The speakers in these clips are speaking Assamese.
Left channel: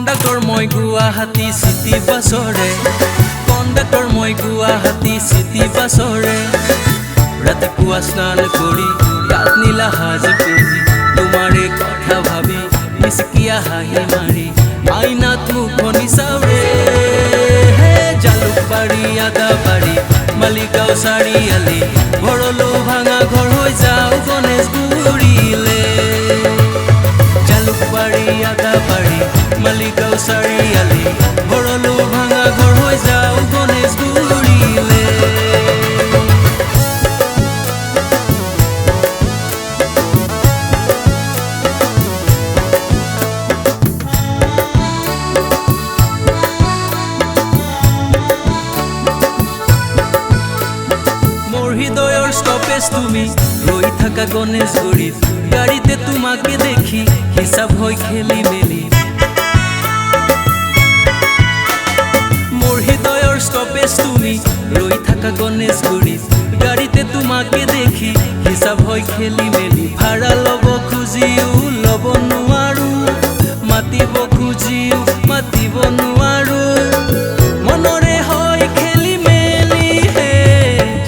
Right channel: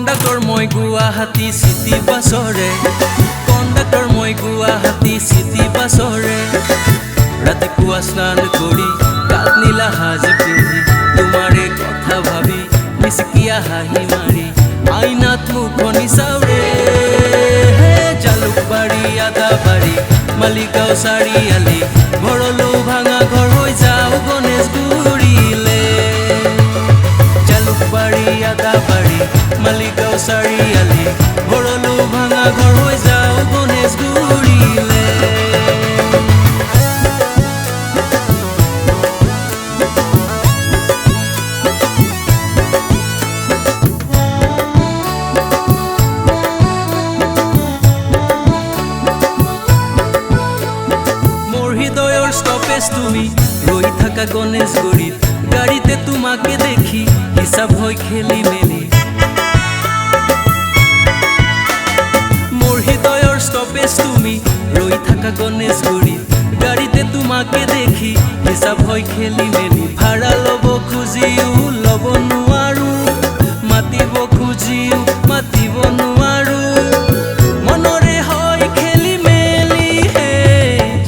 কণ্ডাক্টৰ মই গুৱাহাটী চিটি বাছৰে কণ্ডাক্টৰ মই গুৱাহাটী চিটি বাছৰে ৰাতিপুৱা স্নান কৰি গাত নীলা সাজ পিন্ধি তোমাৰে কথা ভাবি মিচকিয়া হাঁহি মাৰি আইনাত মুখনি চাউৰে জালুকবাৰী আদাবাৰী মালিগাঁও চাৰিআলি ভৰলো ভাঙা ঘৰ হৈ যাওঁ গণেশগুৰিলে জালুকবাৰী আদাবাৰী মালিগাঁও চাৰিআলি ভৰলো ভাঙা ঘৰ হৈ যাওঁ গণেশগুৰিলে মোৰ হৃদয়ৰ ষ্টপেজ তুমি ৰৈ থাকা গণেশগুৰিত গাড়ীতে তোমাকে দেখি হিচাপ হয় খেলি মেলি মোৰ হৃদয়ৰ ষ্টপেজ তুমি ৰৈ থাকা গণেশগুৰিত গাড়ীতে তোমাকে দেখি হিচাপ হয় খেলি মেলি ভাড়া ল'ব খুজিও ল'ব নোৱাৰো মাতিব খুজিও মাতিব নোৱাৰো মনৰে হয় খেলি মেলি হে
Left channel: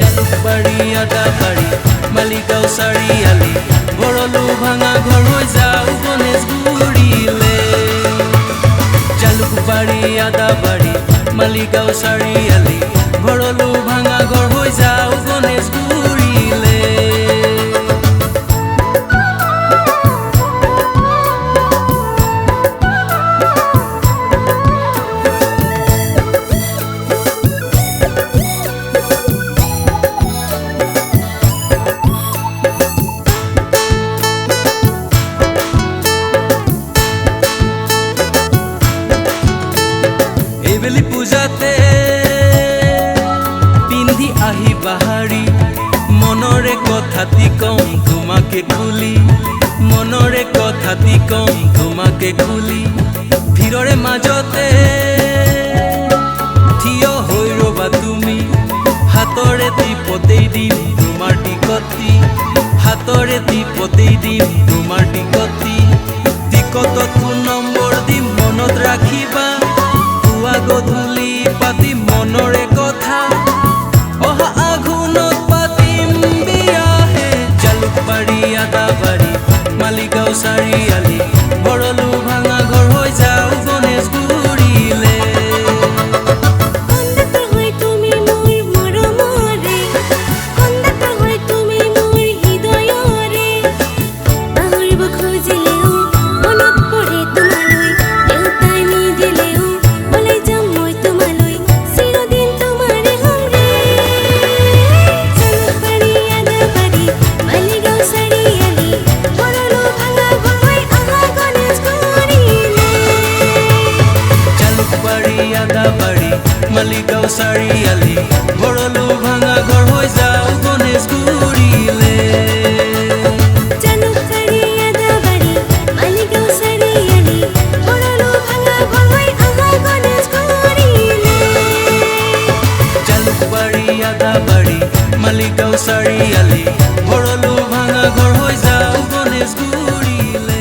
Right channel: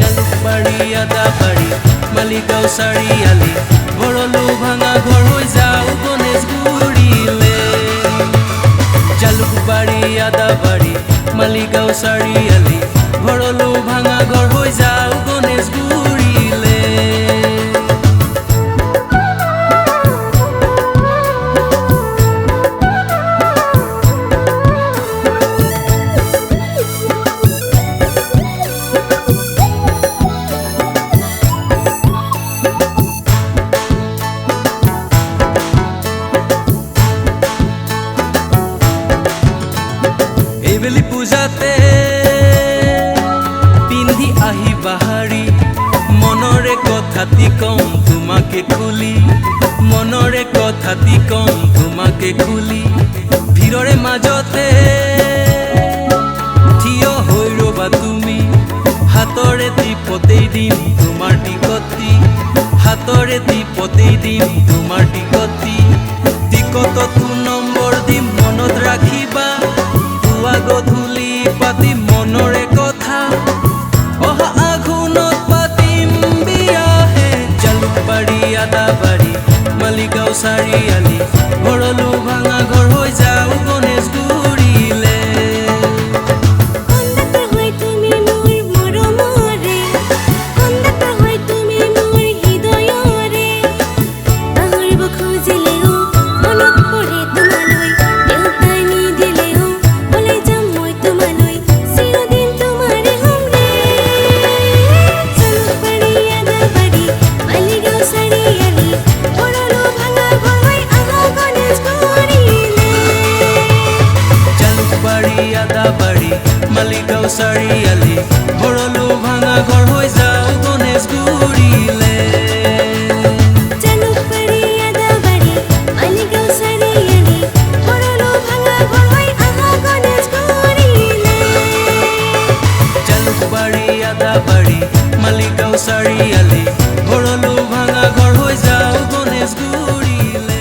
জালুকবাৰী আদাবাৰী মালিগাঁও চাৰিআলি ভৰলো ভাঙা ঘৰ হৈ যাওঁ গণেশগুৰিলে জালুকবাৰী আদাবাৰী মালিগাঁও চাৰিআলি ভৰলো ভাঙা ঘৰ হৈ যাওঁ গণেশগুৰিলে এইবেলি পূজাতে পিন্ধি আহি বাহাৰী মনৰে কথাটি কম তোমাকে খুলি মনৰে কথাটি কম তোমাকে খুলি ভিৰৰে মাজতে থিয় হৈ ৰবা তুমি হাতৰে টিপতেই দিম তোমাৰ টিকটি হাতৰে টিপতেই দিম তোমাৰ টিকটি টিকটত ফোন নম্বৰ দিম মনত ৰাখিবা পুৱা গধূলি পাতিম মনৰে কথা অহা আঘোণত পাতিম বিয়াহে জালুকবাৰী আদাবাৰী মালিগাঁও চাৰিআলি ভৰলো ভাঙা ঘৰ হৈ যাওঁ গণেশগুৰিলে কণ্ডাক্টৰ হৈ তুমি মোৰ মৰমৰে কণ্ডাক্টৰ হৈ তুমি মোৰ হৃদয়ৰে পাহৰিব খুজিলেও মনত পৰে তোমালৈ দেউতাই নিদিলেও ওলাই যাম মই তোমালৈ চিৰদিন তোমাৰে হ'ম ৰে জালুকবাৰী আদাবাৰী মালিগাঁও চাৰিআলি ভৰলো ভাঙা ঘৰ হৈ আহা গণেশগুৰিলে জালুকবাৰী আদাবাৰী মালিগাঁও চাৰিআলি ভৰলো ভাঙা ঘৰ হৈ যাওঁ গণেশগুৰিলে জালুকবাৰী আদাবাৰী মালিগাঁও চাৰিআলি ভৰলো ভাঙা ঘৰ হৈ আহা গণেশগুৰিলে জালুকবাৰী আদাবাৰী মালিগাঁও চাৰিআলি ভৰলো ভাঙা ঘৰ হৈ যাওঁ গণেশগুৰিলে